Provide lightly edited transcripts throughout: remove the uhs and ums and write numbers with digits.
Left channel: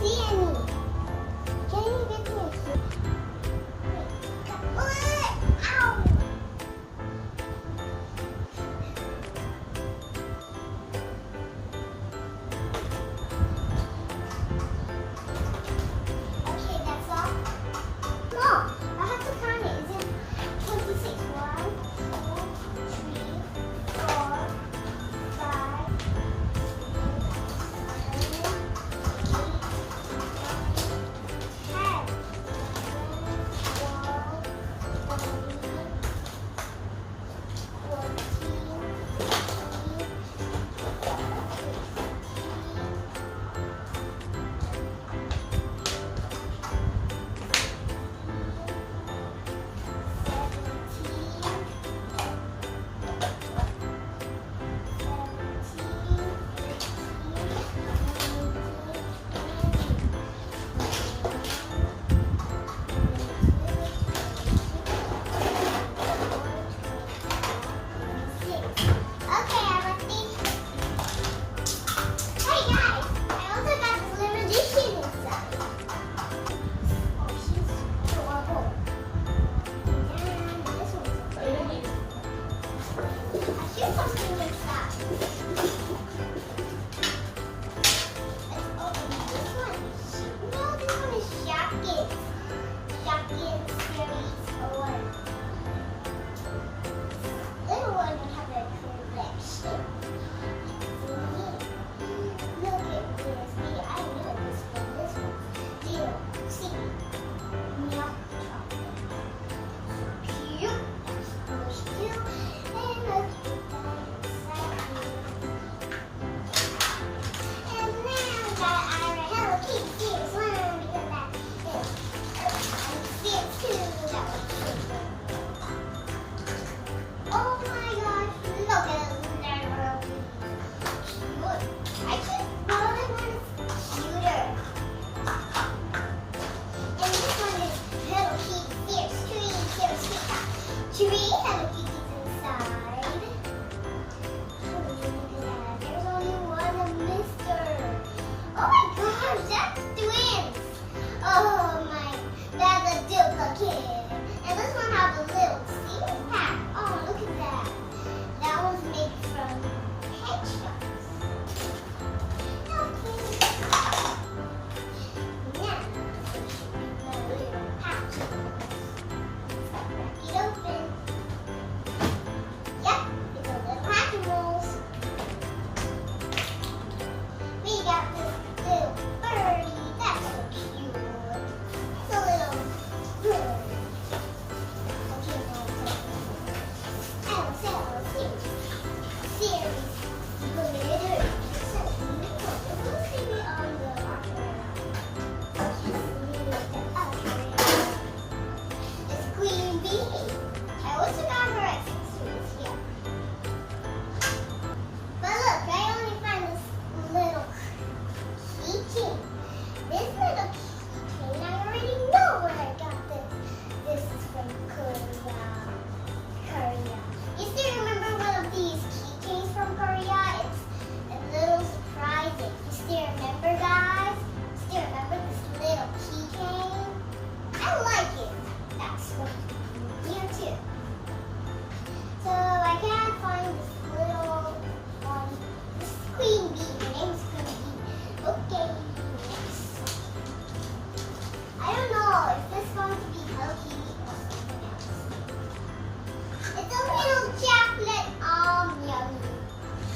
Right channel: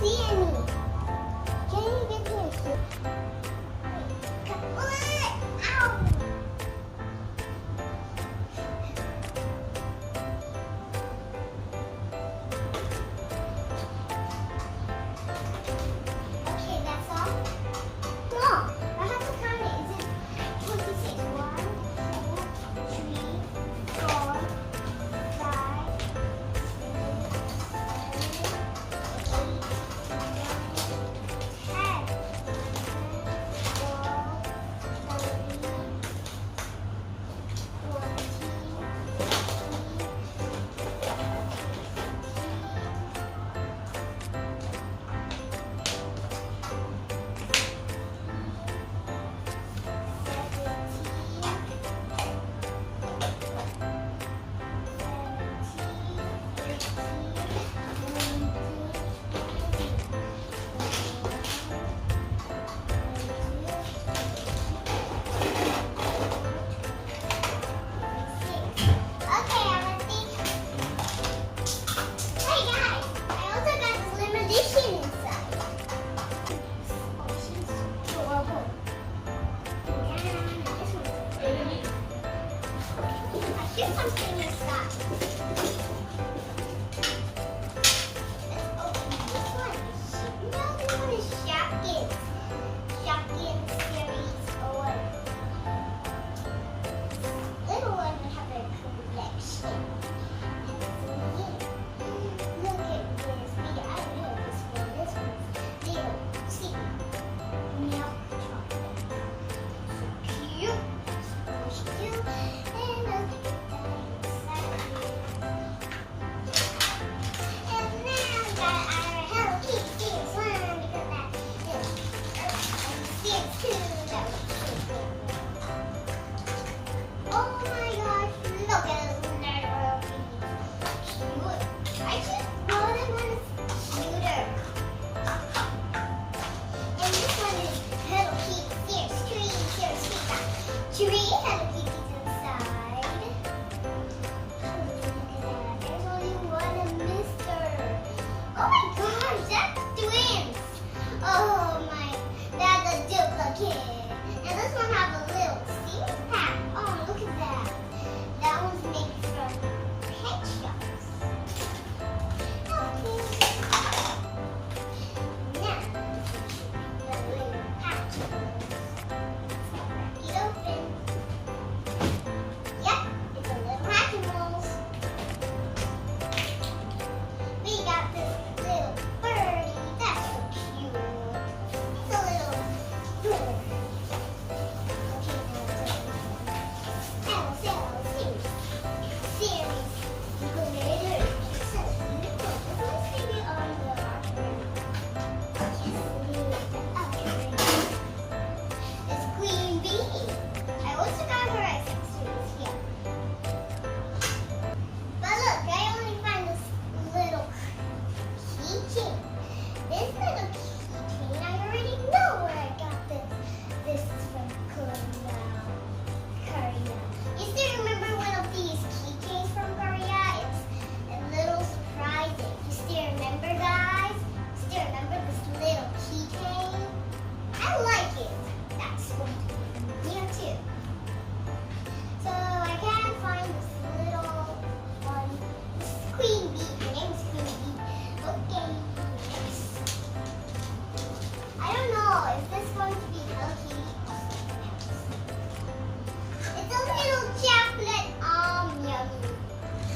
see any. Can you get me a shoe? Ow! Okay, that's all. No, I have to count it. Is it 26? 1, 2, 3, 4, 5, 6, 7, 8, 10, something like that. Let's open this one. No, this one is jackets. Jacket series or little one have a collection. Look at this. I know this one. This one's little. See, milk chocolate. So cute. So cute. And look. Tree Hello Kitties inside. There's only one mister. Oh my gosh, that's twins. Oh my, that's a duplicate. And this one has a little seat pack. Oh, look at that. That one's made from pet shops. Okay. Now, the little pack. Open. Yep, it's a little Hatchimals. We got this little birdie. That's so cute. It's a little bird. Okay, now it's series. Glitter. It's so beautiful. Let's see it on the upper. It's Queen Bee. I also got her accessories here. But look, I only find this little keychain. This little keychain, I already know where I got this. This is from Korea. You still remember one of these keychains from Korea? It's a little surprising. You still remember, guys? Still remember this little keychain? I like it. That's what here too. So I can't find this little one. This is Queen Bee. Her name is Queen Bee. Okay, next. I don't know if this is going to be Hello Kitty or something else. It's a little chocolate yummy.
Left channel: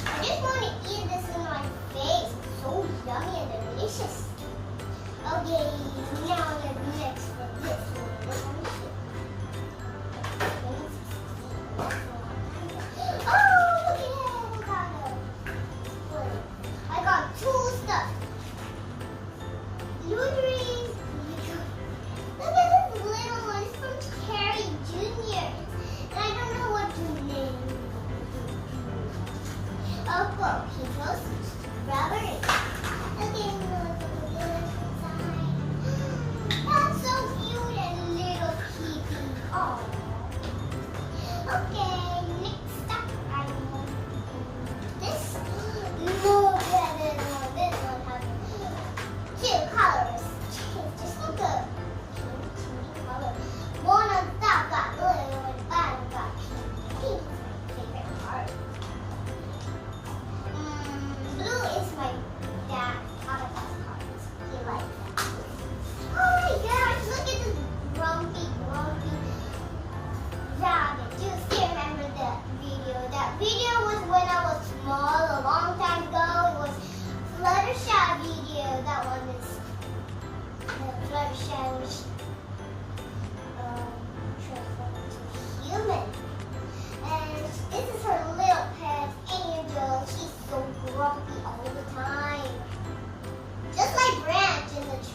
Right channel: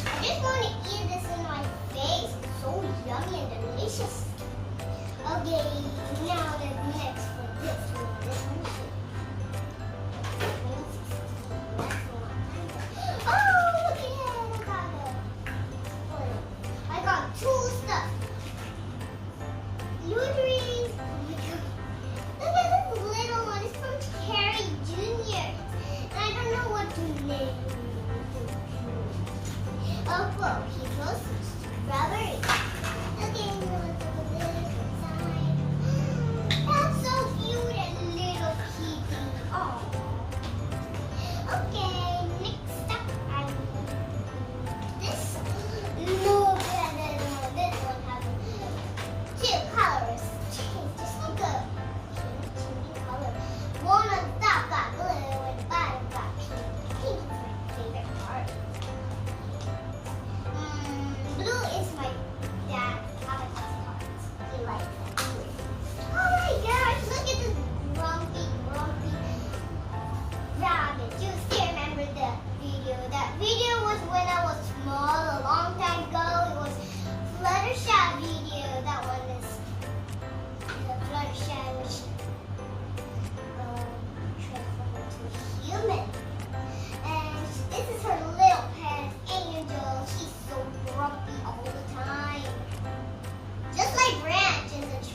I just want to eat this in my face. It's so yummy and delicious. Okay, now the next one. This one. This one too. Oh, look at it! I got two stuff. Luteries. Look at this little one. It's from Carrie Jr. And I don't know what to name it. Oh, well, he knows strawberry. Okay, look inside. That's so cute and little kitty. Oh. Okay, next up, I this. Look at it. This one has two colors.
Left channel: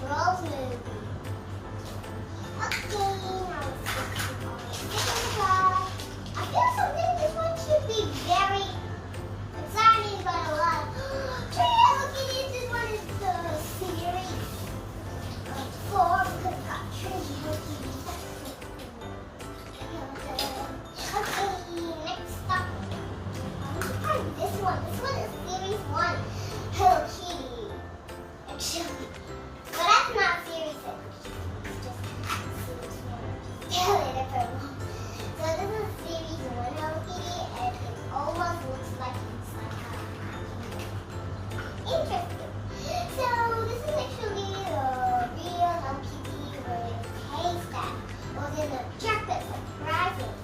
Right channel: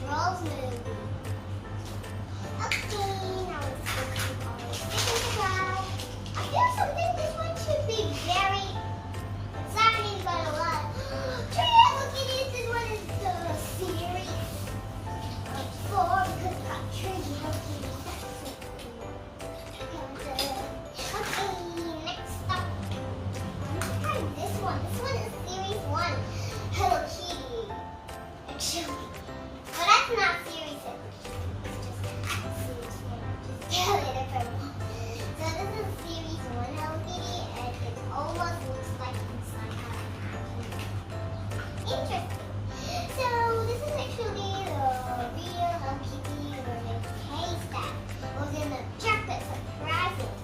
Trolls movie. Okay, now let's go to our second class. I feel something this one should be very exciting, but a lot. Tree, look at this. This one is the series 4 because it's got Tree, Hello Kitty. Okay, next up. Let's try this one. This one is series 1, Hello Kitty. Actually, but that's not series 6. It's just series 1. Tell it if I want. So this is series 1 Hello Kitty, and it almost looks like inside out. Interesting. So this is actually the real Hello Kitty with haystack. Was in the chocolate surprising.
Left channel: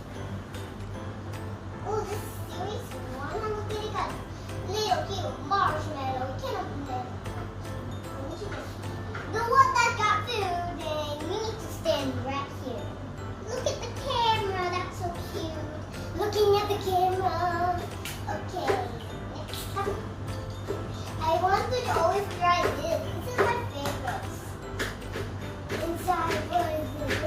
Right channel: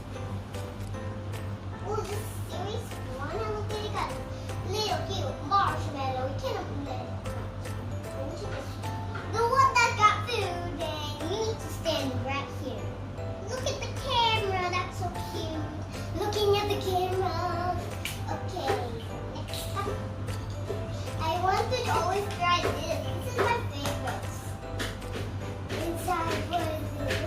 Oh, this series 1 Hello Kitty got little cute marshmallow. You can't open it. The one that got food, they need to stand right here. Look at the camera, that's so cute. Looking at the camera. Okay, next up. I wanted to always try this. This is my favorite. Inside, what is it?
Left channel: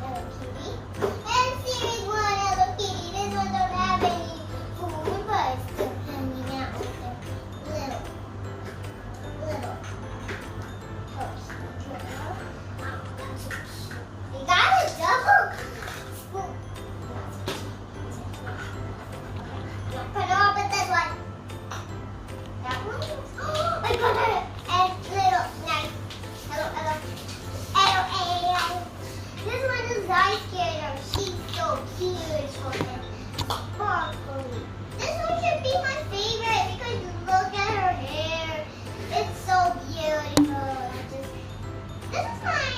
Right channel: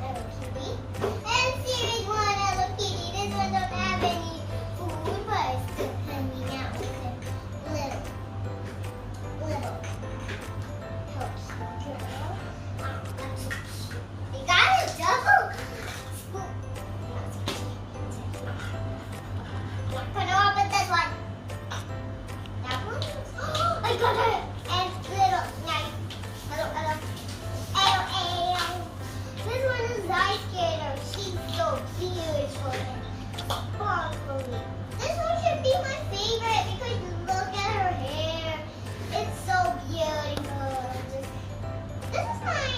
Hello Kitty. And series 1 Hello Kitty. This one don't have any food, but it's still hanging out with it. Little. You got a double spoon. Put it up at this one. That one? Oh, I got it. And little knife. Hello. This one is Ice Skater. She's so beautiful and sparkly. This one should be my favorite because look at her hair. It's so beautiful. This is my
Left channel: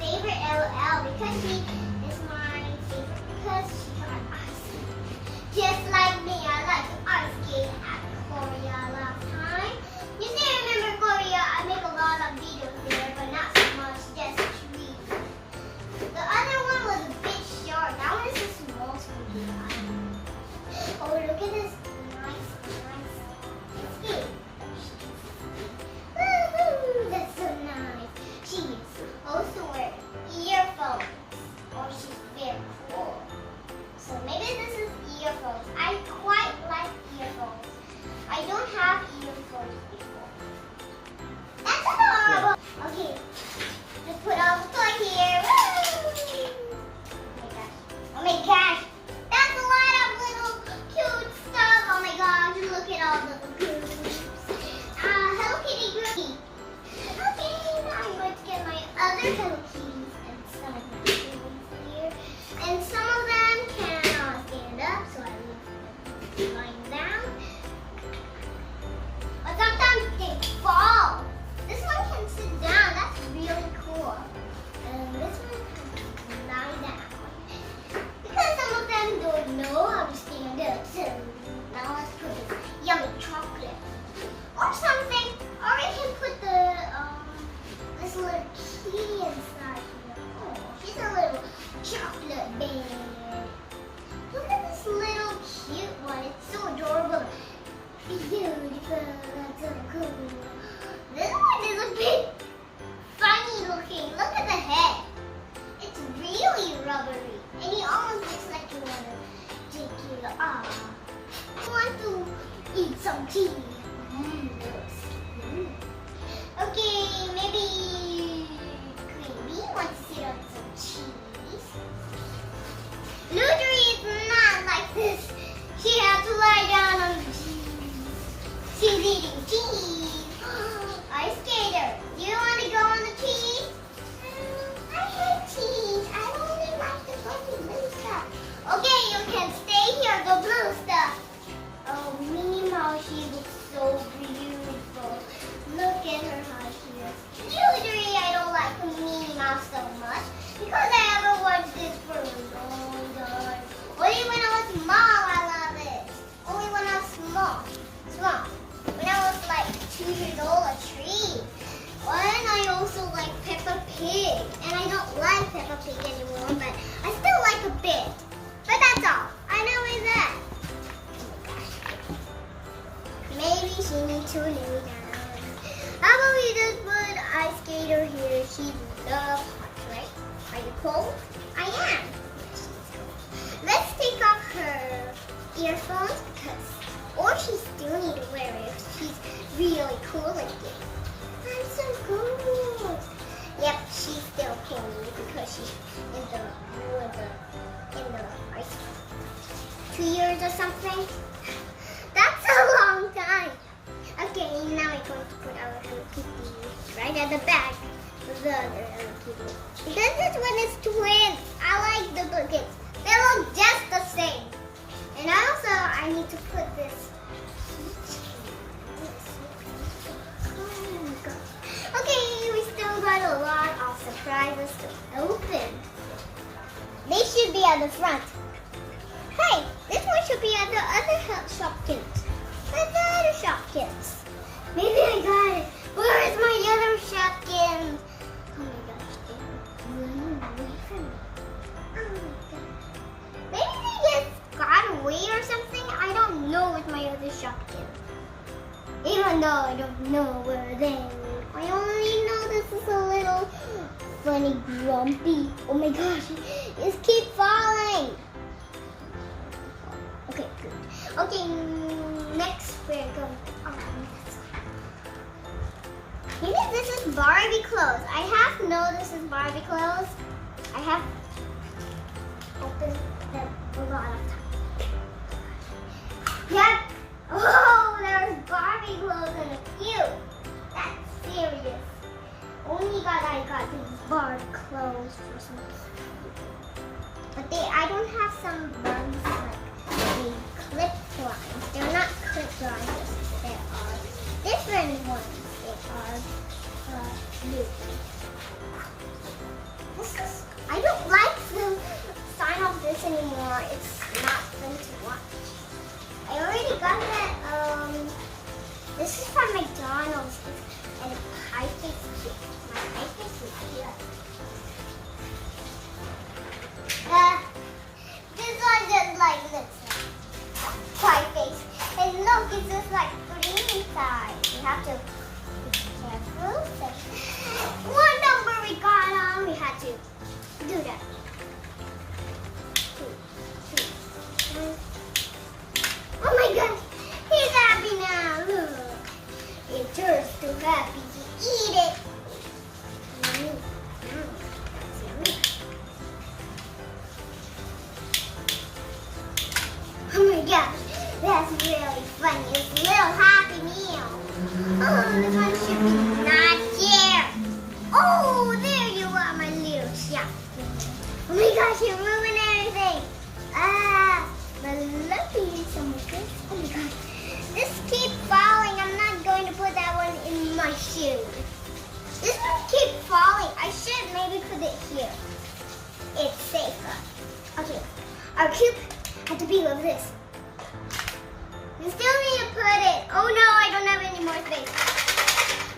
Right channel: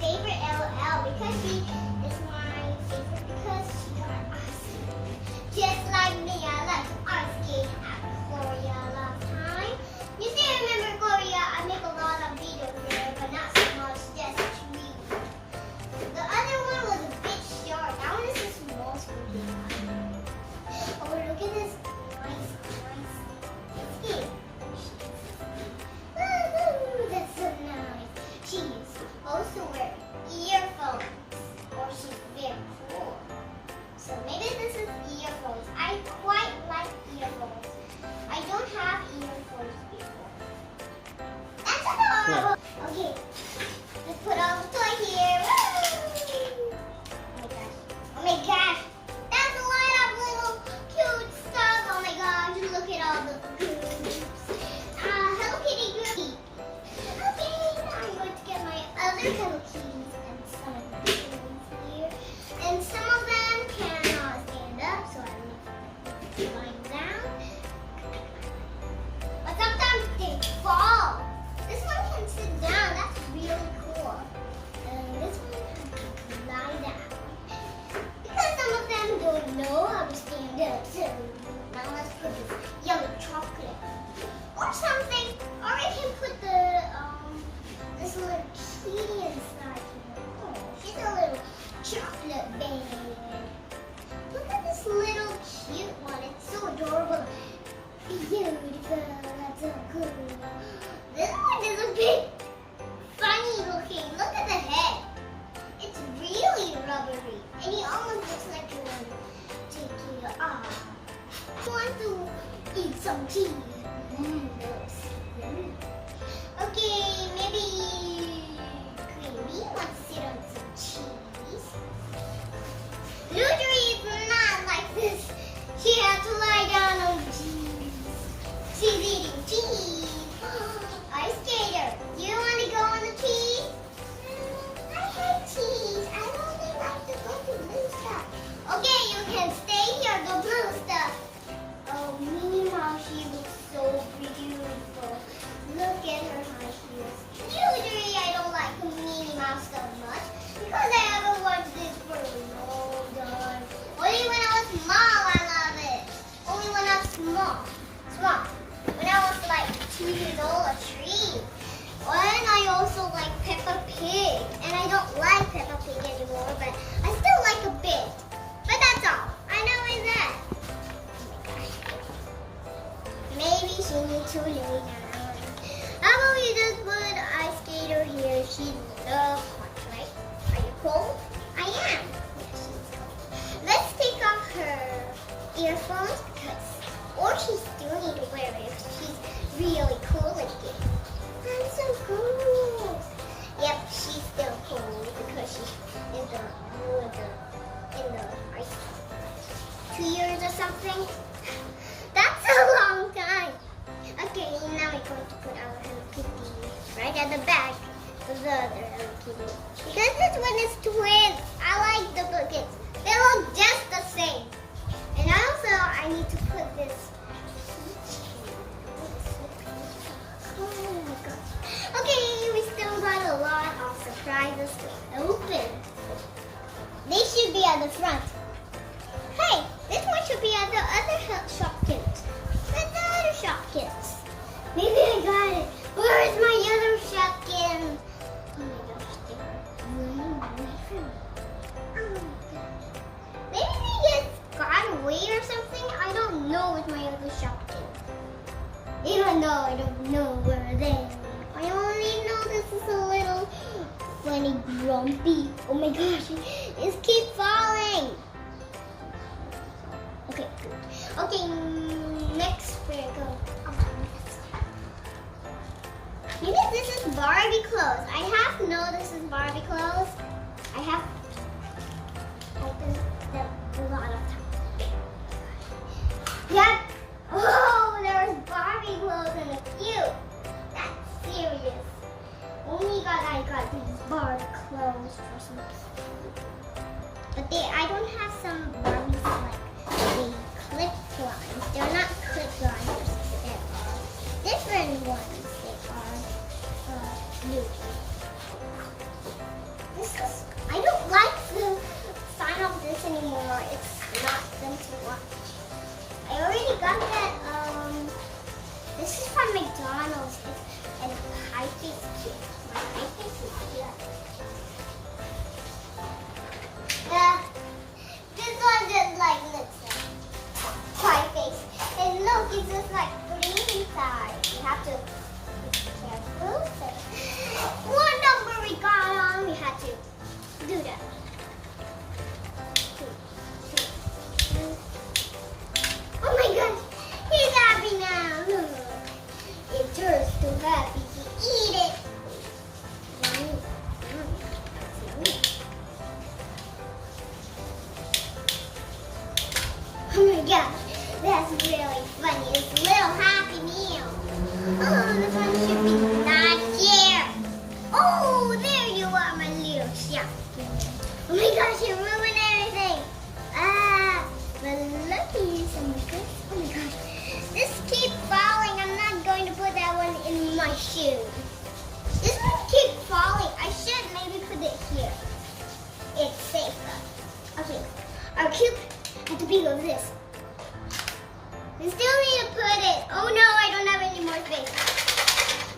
favorite LOL because she is my favorite because she got ice. Just like me, I like to ice skate at Korea last time. You see, I remember Korea, I make a lot of videos there, but not so much, just trees. The other one was a bit short. That one is just small to me. Oh, look at this nice skate. Woohoo! That's so nice. She's also wearing earphones. Or she's very cool. So maybe this is earphones. I quite like earphones. I don't have earphones before. That's adorable. Okay. Let's put all the toy here. Woo! Oh my gosh. That's a lot of little cute stuff. Oh my gosh. Look at all the groups. Hello Kitty group. Okay, now I'm going to get my other Hello Kitties and some of my things here. And some of them cannot stand up, so I leave them lying down. But sometimes they fall. This one can sit down. That's really cool. And this one can lie down. Because some of them don't know how to stand up, so now let's put this yummy chocolate or something. Or I can put this little kitty inside here. Oh, she's a little chocolate baby. Look at this little cute one. It's so adorable. Beautiful. That's so cool. This one is a bit funny looking. Look at the head. It's really rubbery. And he almost looks like you want to take it off. I want to eat some cheese. Okay, maybe Creamy wants to sit on some cheese. Luthery is not like this. She has to lie down on the cheese. She's eating cheese. Ice Skater, do you want to go on the cheese? I hate cheese. I only like to go to blue stuff. Okay, you can stay here, go blue stuff. Oh, Minnie Mouse, she looks so beautiful. Look at her high heels. Usually I don't like Minnie Mouse so much because I haven't watched this for a long time. Only when I was small I love it. Only when I was small. When I was like 2 years old, a tree. And I also like Peppa Pig. And I don't like Peppa Pig anymore, but I still like a bit. But that's all. I know it's that. Oh my gosh. Maybe she needs to lay down. How about we just put she loves hot, right? Are you cold? I am. Yes, she's cold. Let's take off her earphones or she still need to wear it if she's really cool again. I'm so cool. Yep, she's still cold because she's in the like 2 years or something. That's a long time. Okay, now we're going to put our Hello Kitty right at the back of the other Hello Kitty. Because this one is twins. I like duplicates. They look just the same. And also, I need to put this. Oh my god. Okay, we still got a lot of surprises to open. They should be at the front. Hey, this one should be at the other Shopkins. Where's the other Shopkins? Maybe I got it. Where is my other Shopkins? Oh my gosh, they're running away from me. Oh my god. Maybe they just got away or something. I don't know where's my other Shopkins. Even though I don't know where they are. I only know this is a little funny grumpy. Oh my gosh, it keeps falling. Okay, good. Okay, next we're going. Maybe this is Barbie clothes. I have know this is Barbie clothes. I have opened them a lot of times. Yep. Oh, there's Barbie clothes in a few. That's serious. I got these Barbie clothes for some people. But I don't have some ones like the clip lines. They're not clip lines. They are different ones. They are blue. I don't like the sign of this anymore. It's not fun to watch. I already got that. This is from McDonald's. And a pie face cake. My pie face is here. This one just like looks like pie face. And look, it's just like green inside. You have to be careful. One number we got on, we had to do that. 2, 3, 1. Oh my gosh, he's happy now. Look. It turns too happy to eat it. Yummy, yummy, that's yummy. Oh my gosh, that's really funny. It's a little happy meal. Oh, this one should be not here. Oh, there you are, my little shop. Oh my gosh, you ruined everything. But lucky some good. Oh my gosh. This keeps falling. I'm not going to put that one in my shoe. This one keeps falling. I should maybe put it here. It's safer. Okay. Our cube had to be over this. We still need to put it. Oh no, I don't have any more space.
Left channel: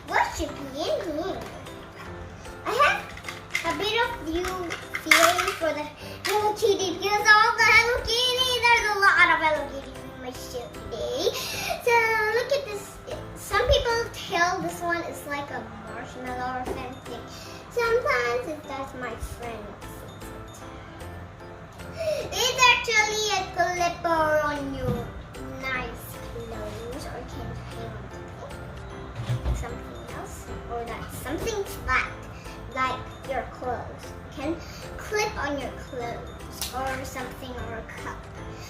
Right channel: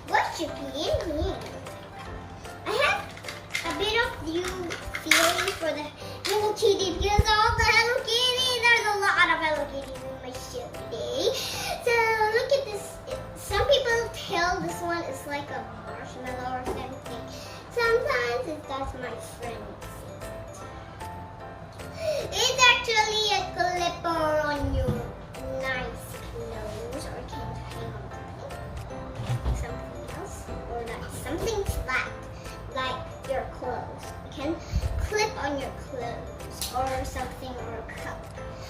What should be in here? I have a bit of new feeling for the Hello Kitty because all the Hello Kitty, there's a lot of Hello Kitties in my shoe today. So look at this. Some people tell this one is like a marshmallow or something. Sometimes it does, my friend sees it. It's actually a clipper on your nice clothes, or can hang on something else, or that's something flat like your clothes. You can clip on your clothes or something, or a cup.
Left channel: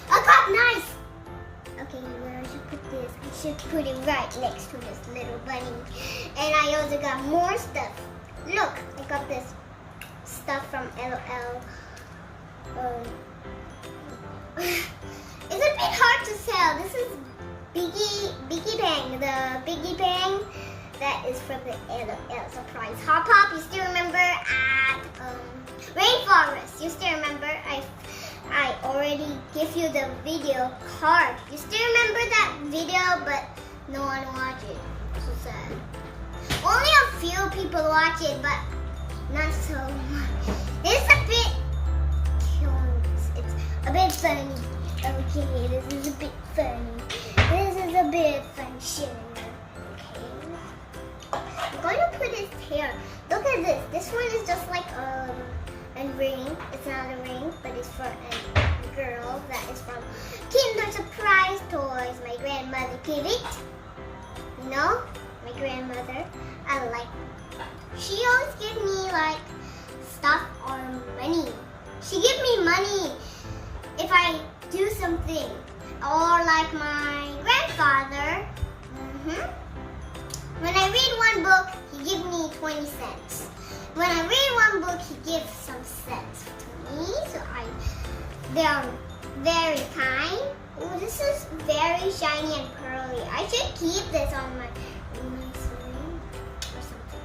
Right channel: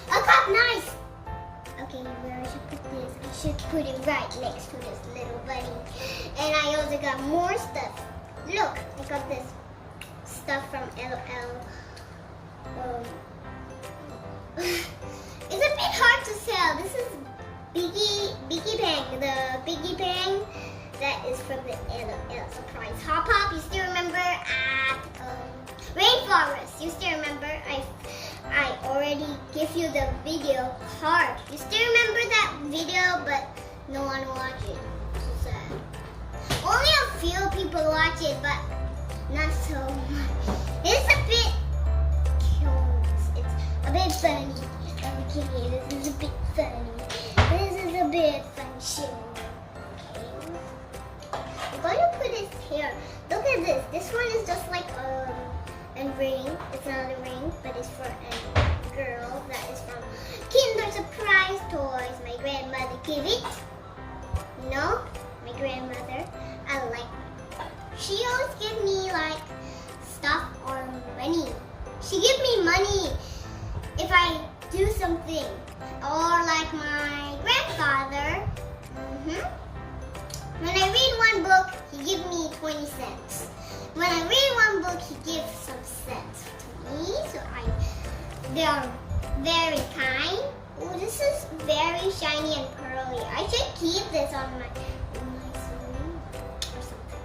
A cup, nice. Okay, where I should put this? I should put it right next to this little bunny. And I also got more stuff. Look, I got this stuff from LOL. It's a bit hard to tell. This is Biggie Bang, the Biggie Bang that is from the LOL surprise Hot Pop. You still remember at Rainforest? You still remember? I already gave you the video card. You still remember that video, but no one watched it. So sad. Only a few people watch it, but not so much. It's a bit curious. It's a bit funny. Okay, this is a bit funny. This is a bit funny. Okay. I'm going to put with his hair. Look at this. This one is just like a ring. It's not a ring, but it's for a girl that is from Kinder Surprise Toys. My grandmother gave it. You know, my grandmother. I like her. She always give me like stuff or money. She give me money if I do something. Or like my grandfather. When I read one book, he give me 20 cents. When I read one book, he gives some cents to me. So they are very kind. Oh, this is very shiny and pearly. I should keep this on my nice ring or something.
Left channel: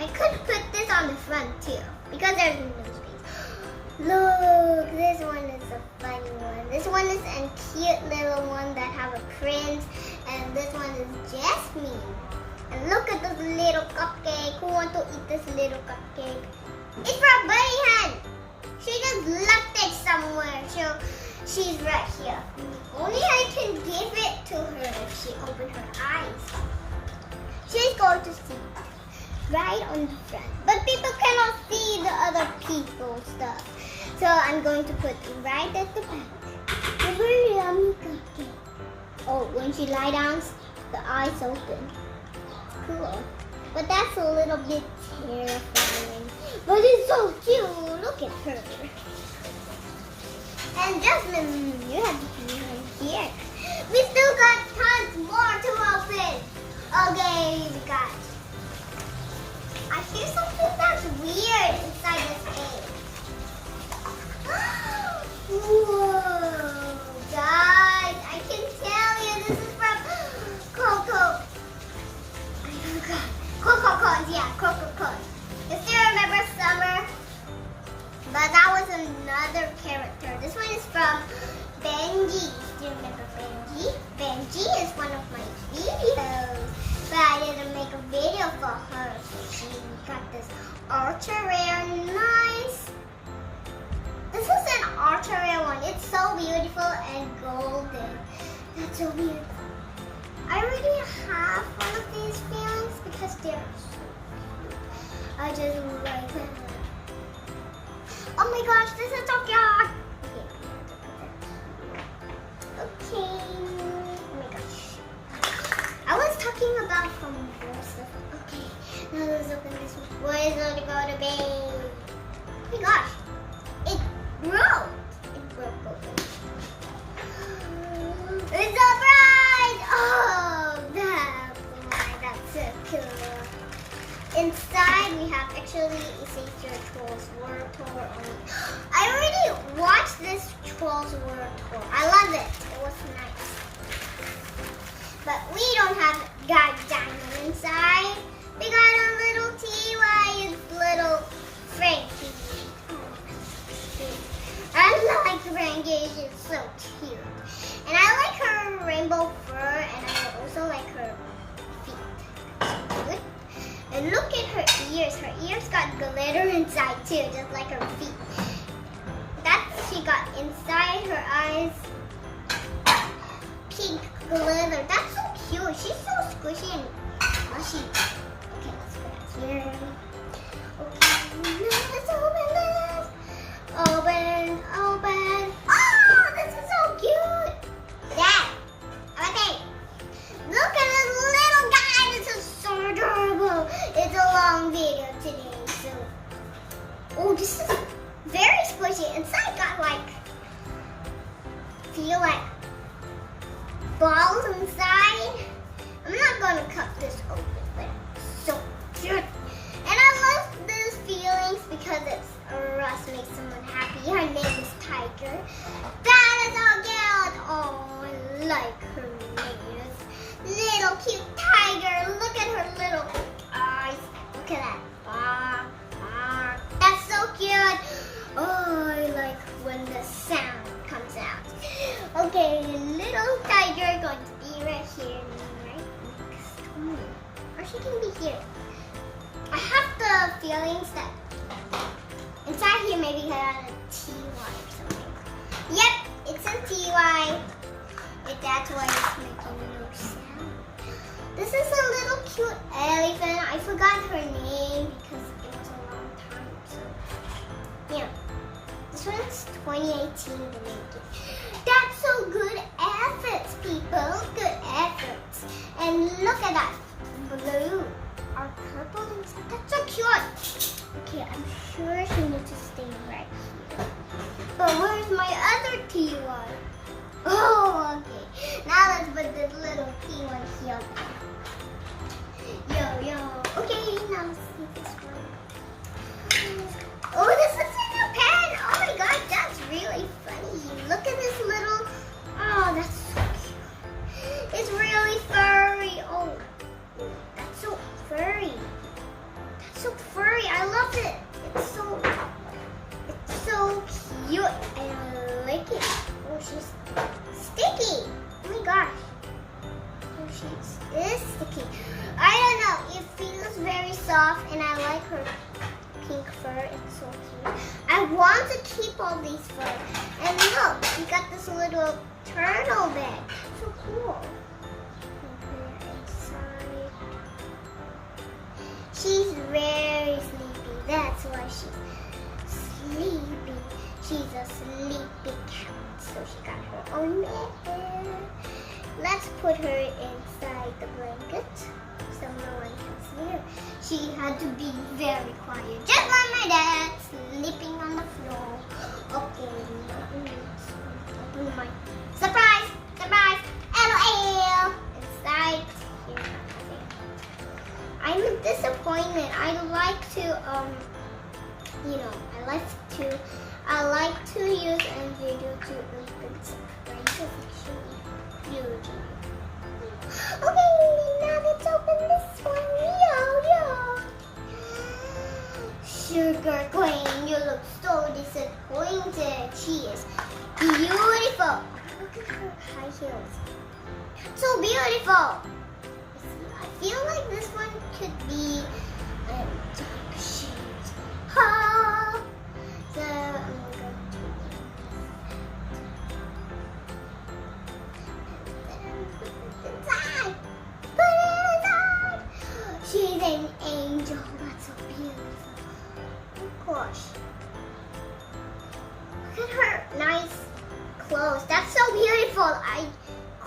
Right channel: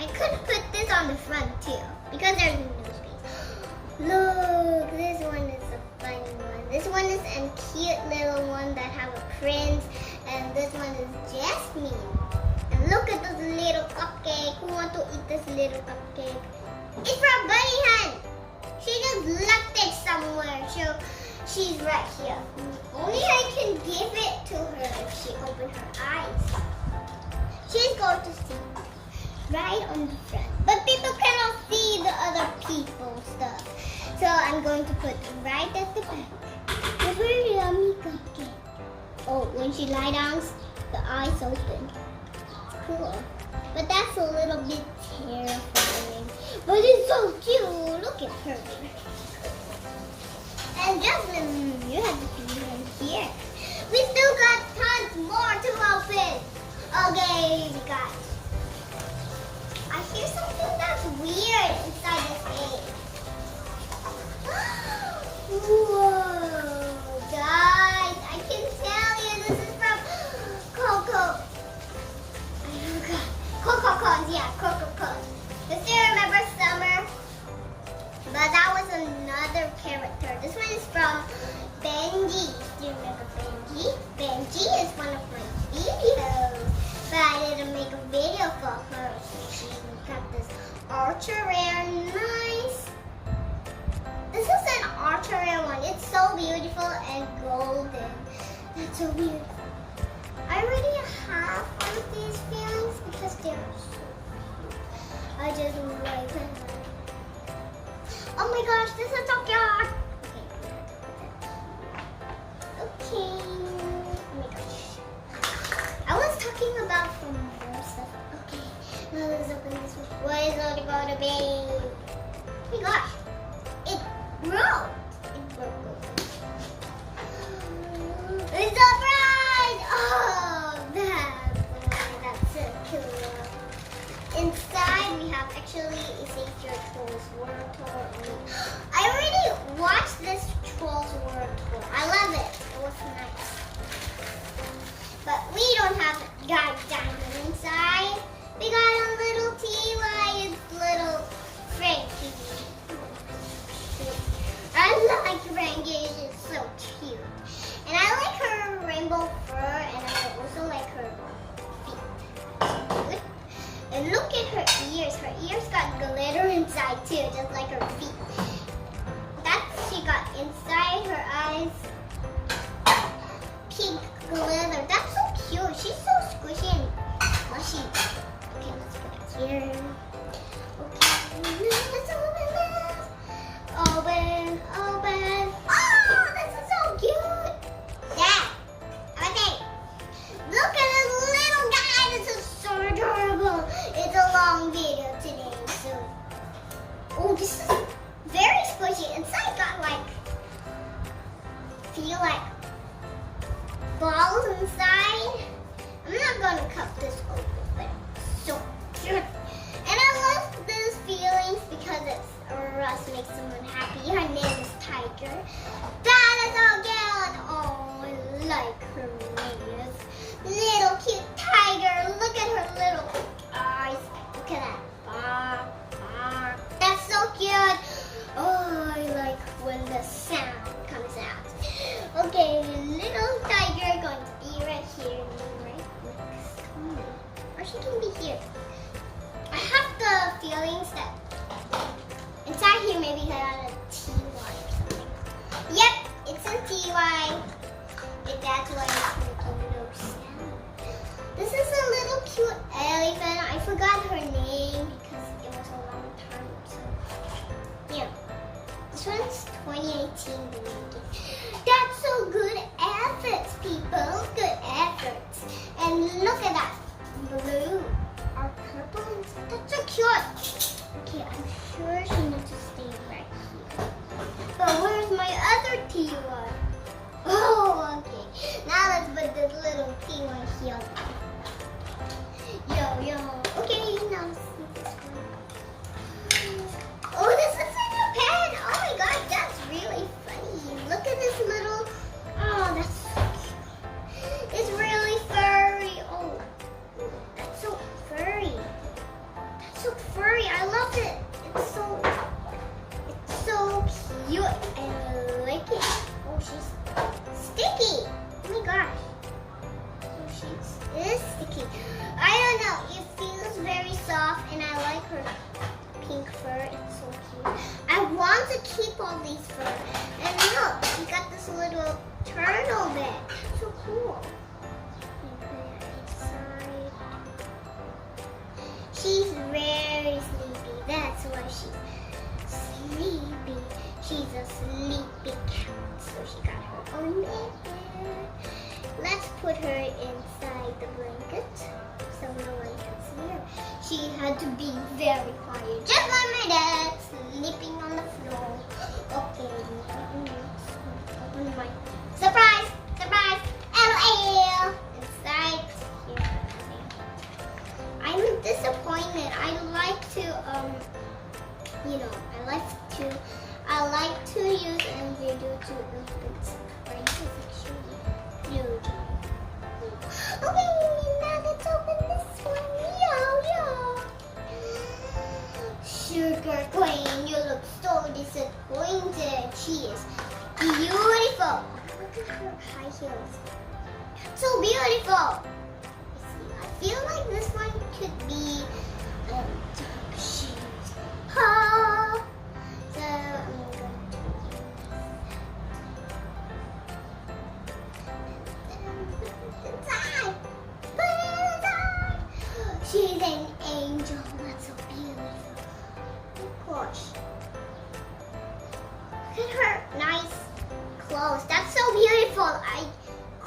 I could put this on the front too because there's no space. Look, this one is a funny one. This one is a cute little one that have a prince, and this one is Jasmine. And look at this little cupcake. Who wants to eat this little cupcake? It's from Bunny Hen. She just left it somewhere. So she's right here. Only I can give it to her if she opens her eyes. She's going to see right on the front. But people cannot see the other people's stuff. So I'm going to put right at the back. A very yummy cupcake. Oh, when she lie down, the eyes open. Cool. But that's a little bit terrifying. But it's so cute. Look at her. And Jasmine, you have to be right here. We still got tons more to open. Okay, we got. I hear something that's weird inside this egg. Whoa, guys, I can tell you this is from Coco. Coco, yeah, Coco. You still remember Summer? But that was another character. This one is from Benji. Do you remember Benji? Benji is one of my videos. But I didn't make a video for her. She got this ultra rare, nice. This is an ultra rare one. It's so beautiful and golden. That's so beautiful. I already have one of these feelings because they're so cute. I just like them. Oh my gosh, this is so cute. Okay. Oh my gosh. I was talking about some more stuff. Okay. Now let's open this one. What is it going to be? Oh my gosh. It broke. It broke open. It's a surprise! Oh, that's so cool. Inside we have actually a Savior Trolls World Tour. I already watched this Trolls World Tour. I love it. It was nice. But we don't have diamond inside. We got a little T.Y. and little Frankie. I like Frankie. She's so cute. And I like her rainbow fur, and I also like her feet. And look at her ears. Her ears got glitter inside too, just like her feet. That's she got inside her eyes. Pink glitter. That's so cute. She's so squishy and mushy. Okay, let's put it here. Okay, let's open this. Open. Oh, this is so cute. Dad. Okay. Look at this little guy. This is so adorable. It's a long video today, so. Oh, this is very squishy. Inside got like, feel like balls inside. I'm not gonna cut this open, but it's so cute. And I love those feelings because it's Russ makes someone happy. Her name is Tiger. That is our girl. Oh, I like her name. Little cute tiger. Look at her little eyes. Look at that. Bark, bark. That's so cute. Oh, I like when the sound comes out. Okay, little tiger going to be right here, right next to me. Or she can be here. I have the feelings that inside here maybe had a TY or something. Yep, it's a TY. That's why it's making no sound. This is a little cute elephant. I forgot her name because it was a long time. So, yeah. This one's 2018 to make it. That's so good efforts, people. Good efforts. And look at that blue or purple inside. That's so cute. Okay, I'm sure she needs to stay right here. But where's my other T1? Oh, okay. Now let's put this little P1 here. Yo. Okay, now let's see this one. Oh, this is a new pen. Oh my god, that's really funny. Look at this little. Oh, that's so cute. It's really furry. Oh, that's so furry. That's so furry. I love it. It's so cute. I like it. Oh, she's sticky. Oh my gosh. Oh, she is sticky. I don't know. It feels very soft, and I like her pink fur. It's so cute. I want to keep all these fur. And look, she got this little turtle bag. That's so cool. Put it inside. She's very sleepy. That's why she's sleepy. She's a sleepy cat. So she got her own bed. Let's put her inside the blanket so no one can see her. She had to be very quiet, just like my dad, sleeping on the floor. Okay, open my surprise, LOL. Inside here. I'm a disappointment. I like to I like to use a video to open surprises. Huge. Okay, now let's open this one. Yo. Sugar Queen, you look so disappointed. She is beautiful. Look at her high heels. That's so beautiful. I feel like this one could be dark shades. Oh. So I'm going to inside. Put it inside. She's an angel. That's so beautiful. Oh gosh. Look at her nice clothes. That's so beautiful.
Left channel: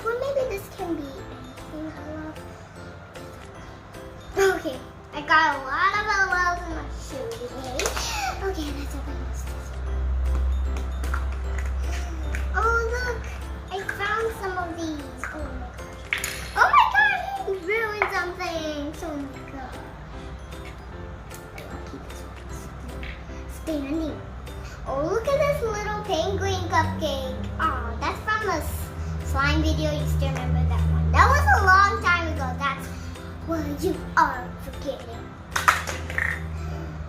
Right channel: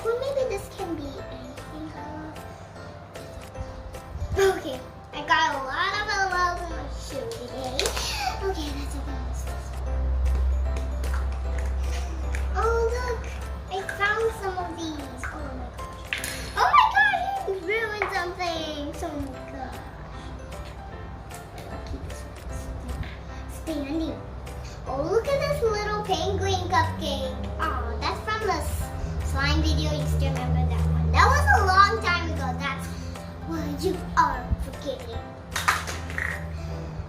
Maybe this can be anything I love. Okay, I got a lot of LOLs in my shoe today. Okay, let's open this. Oh look, I found some of these. Oh my gosh, he ruined something. Oh my gosh. I'll keep this one standing. Oh, look at this little penguin cupcake. Oh, that's from the slime video. You still remember that one? That was a long time ago. That's what you are forgetting.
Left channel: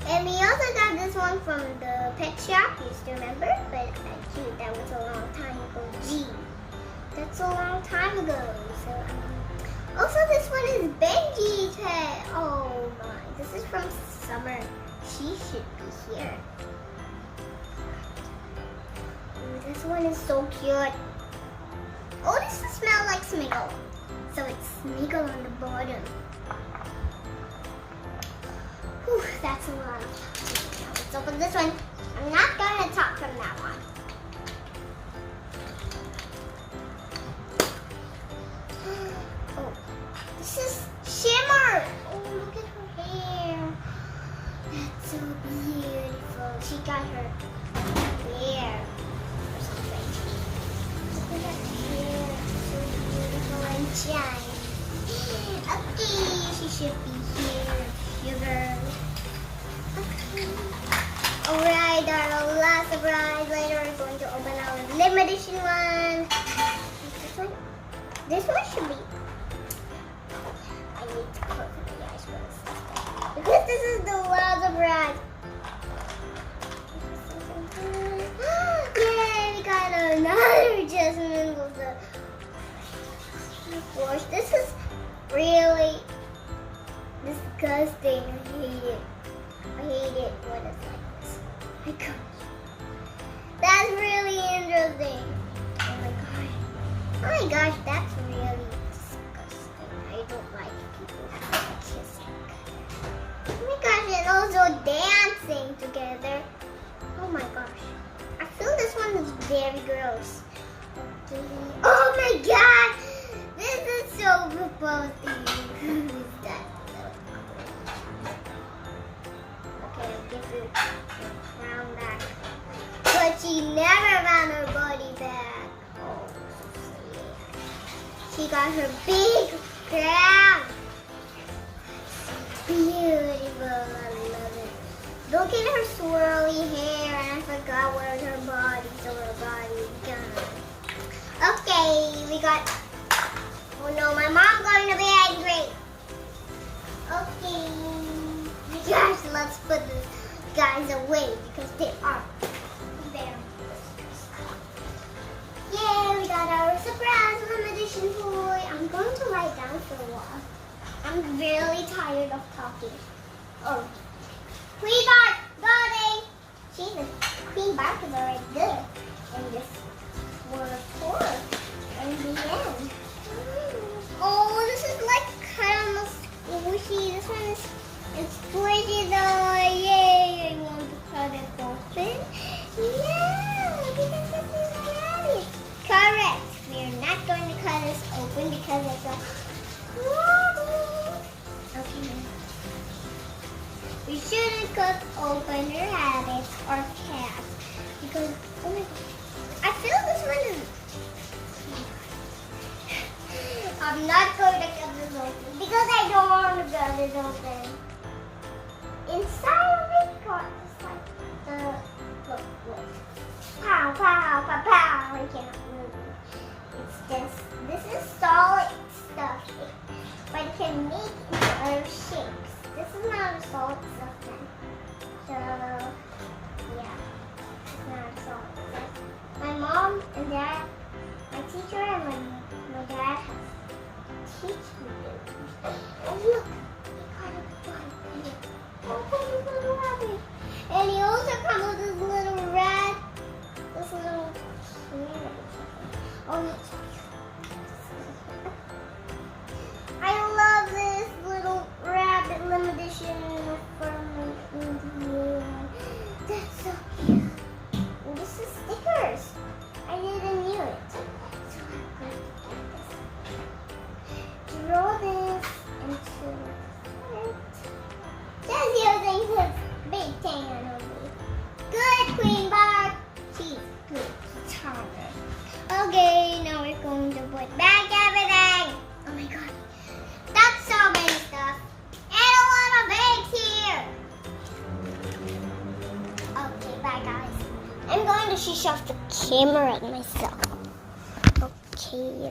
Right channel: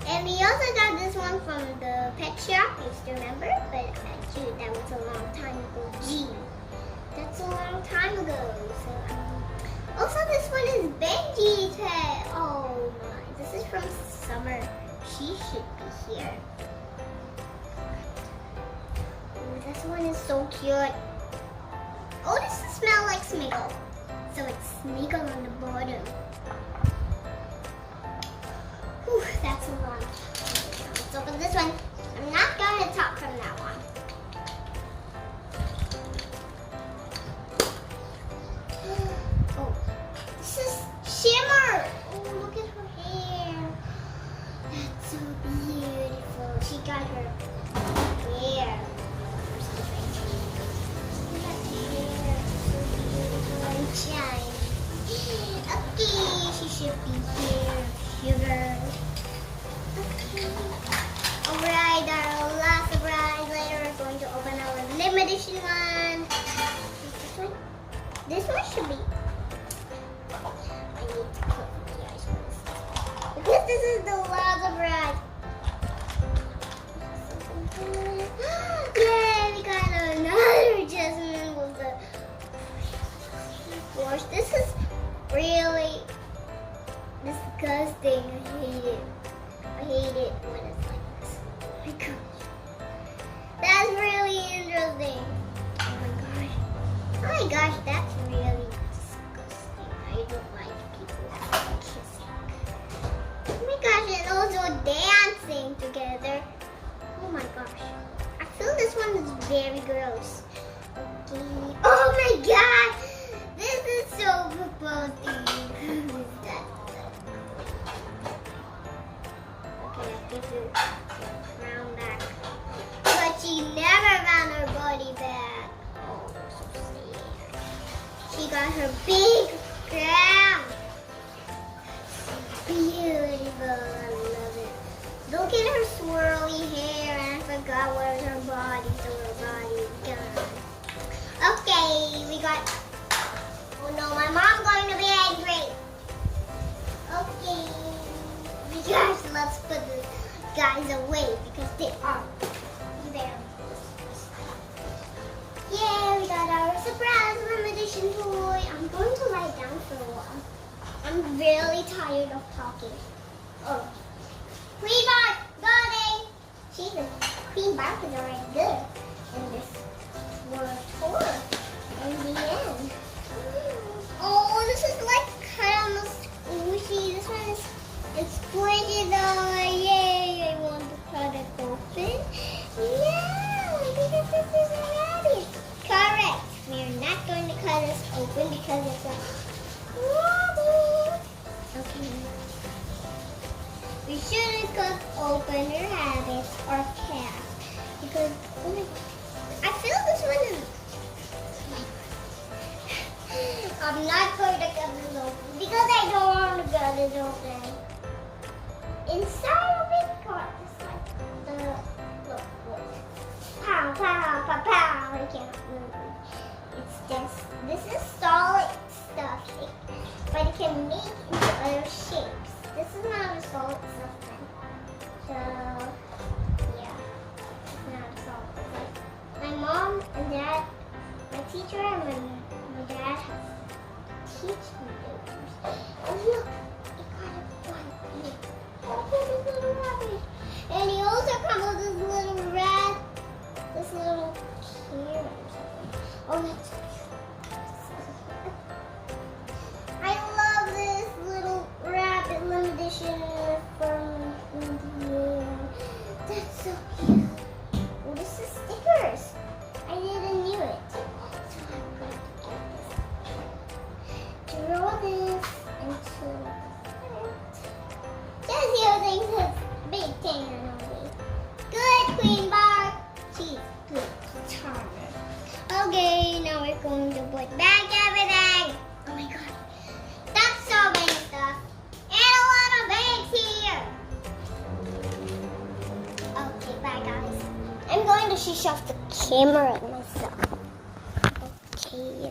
And we also got this one from the pet shop. You still remember? But gee, that was a long time ago. Gee, that's a long time ago. So also this one is Benji's head. Oh my, this is from Summer. She should be here. Ooh, this one is so cute. Oh, this smells like Smiggle. So it's Smiggle on the bottom. Whew, that's a lot of talking. Now let's open this one. I'm not going to talk from that one. Oh, this is Shimmer. Oh, look at her hair. That's so beautiful. She got her hair or something. Look at that hair. So beautiful and shiny. Okay, she should be here. Sugar. Okay. Alright, our last surprise. Later we're going to open our limited edition one. This one? This one should be. I need to close my eyes first. Because this is the last surprise. Yay, we got another Jasmine with the wash. This is really disgusting. I hate it. I hate it when it's like this. Oh my gosh. That's really interesting. Oh my gosh. Oh my gosh, that's really disgusting. I I don't like people kissing. Oh my gosh, and also dancing together. Oh my gosh. I feel this one is very gross. Okay. Oh my god! This is so proposed to you. Who's that little Okay, I'll give you your crown back. But she never found her body back. Oh, so sad. She got her big crown. Beautiful. I love it. Look at her swirly hair, and I forgot where her body, so her body is gone. Okay, we got. Oh no, my mom's going to be angry. Okay. Yes, let's put these guys away because they are very useless. Yeah, we got our surprise room edition toy. I'm going to lie down for a while. I'm really tired of talking. Oh, Queen Bark, got it. Jesus, Queen Bark is already good. And this world tour. And the end. Oh, this is like kind of squishy. This one is squishy though. Yay! I want to try to open. Yeah, because this is heavy. Correct. We are not going to cut this open because it's a okay. We shouldn't cut open your rabbits or cats because oh my God, I feel this one is. I'm not going to cut this open because I don't want to cut this open. Inside of it, just like the look. Pow, pow, pow, pow. I can't move. It's just this is solid stuff, but it can make into other shapes. This is not a solid stuff then. So yeah, it's not a solid stuff. My mom and dad, my teacher and my dad have teach me things. Oh look, it got a bun here. Oh, this little rabbit. And he also comes with this little rat, this little carrot. Oh, it's I love this little rabbit limited edition from India. That's so cute. Oh, this is stickers. I didn't knew it. So I'm going to get this. Draw this into it. Just using his big thing on me. Good, Queen Bark. She's good. Charmer. Okay, now we're going to put back everything. Oh my god. That's so many stuff. And a lot of bags here. Okay, bye guys. I'm going to switch off the camera myself. Okay.